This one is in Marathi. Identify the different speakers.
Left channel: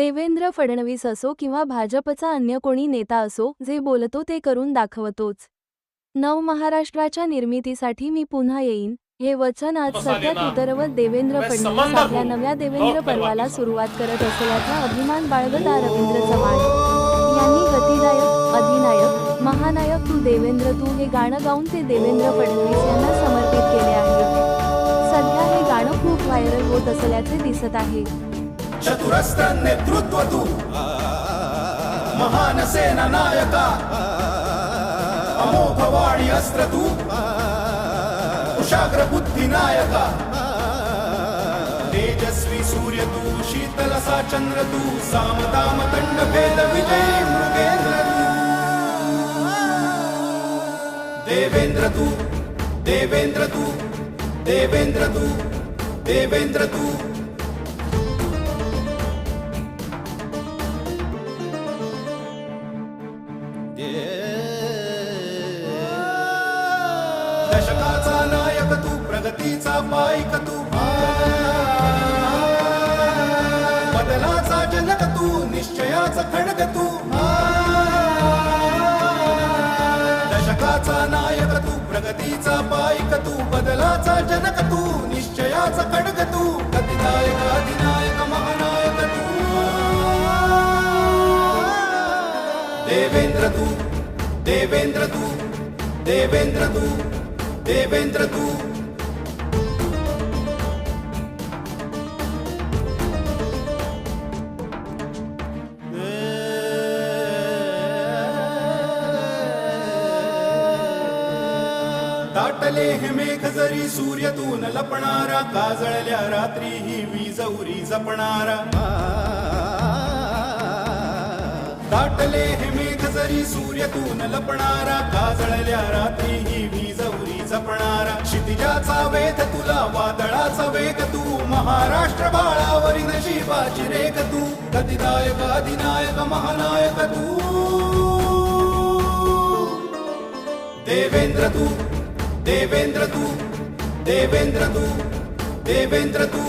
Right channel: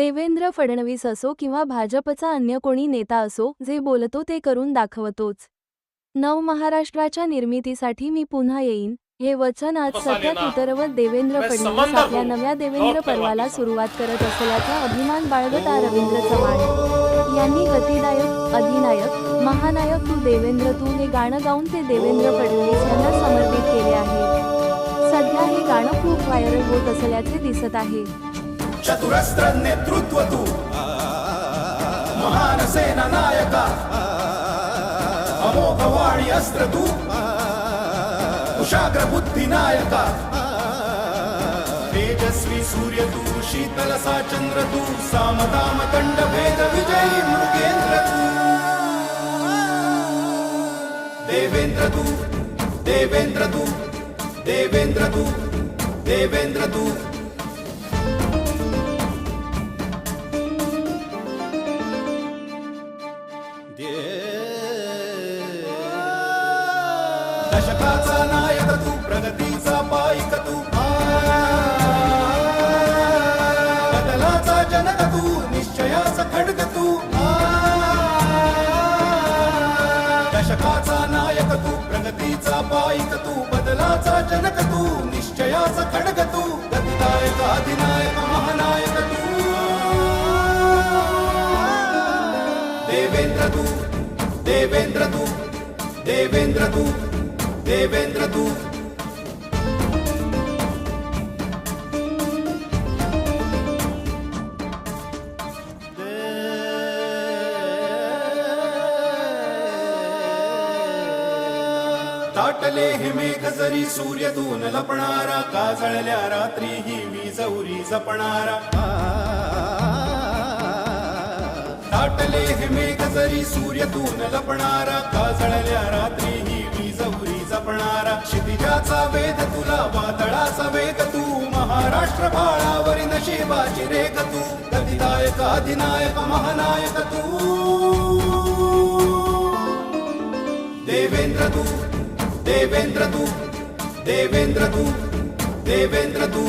Speaker 1: देवेंद्र फडणवीस असो किंवा भाजपचा अन्य कोणी नेता असो जे बोलतो ते करून दाखवतोच. नव महाराष्ट्राच्या निर्मितीसाठी मी पुन्हा येईन. हे वचन आज सत्यात उतरवत देवेंद्र फडणवीस आपल्या नव्या देवेंद्र पर्वाला सुरुवात करत असल्याचा अभिमान बाळगत रवींद्र चव्हाण. यांनी गतिदायक अधिनायक महानायक तू देवेंद्र तू हे गाणं गाऊन ते देवेंद्र फडणवीस यांना समर्पित केले आहे. सध्या हे गाणं खूप व्हायरल होत असल्याचे दिसत आहे.
Speaker 2: ಶತುರಸ್ತ್ರ ನೇತೃತ್ವದು ಮಹಾನ ಸೇನಾ ನಾಯಕ. ಅಮೋಘವಾಡಿ ಅಸ್ತ್ರದು ಕುಶಾಗ್ರ ಬುದ್ಧಿ ನಾಯಕ. ತೇಜಸ್ವಿ ಸೂರ್ಯದು ಶೀತಲ ಸಾ ಚಂದ್ರದು ಸಾಮಧಾಮ ದಂಡ ಭೇದ ವಿಜಯ ಮೃಗೇಂದ್ರದು ದೇವೇಂದ್ರದು ದೇವೇಂದ್ರದು ದೇವೇಂದ್ರದು ದೇವೇಂದ್ರದು दशकाचा नायक तू प्रगतीचा पायक तू. बदलाचा जनक तू निश्चयाचा खडग तू. दशकाचा नायक तू प्रगतीचा पायक तू बदलाचा जनक तू निश्चयाचा खडग तू. अधिनायक अधिनायक महानायक तू. देवेंद्र तू देवेंद्र तू देवेंद्र तू. देवेंद्र तू दाटले हे मेघ जरी सूर्यतून लपणारा काजळल्या रात्री ही वीज उरी जपणारा. दाटले हे मेघ जरी सूर्यतून लपणारा काजळल्या रात्री ही वीज क्षितिजाचा वेद तुला वादळाचा वेग तू. महाराष्ट्र बाळावरी नशिबाची रेख तू. गतिदायक अधिनायक महानायक तू. देवेंद्र तू देवेंद्र तू देवेंद्र तू देवेंद्र तू.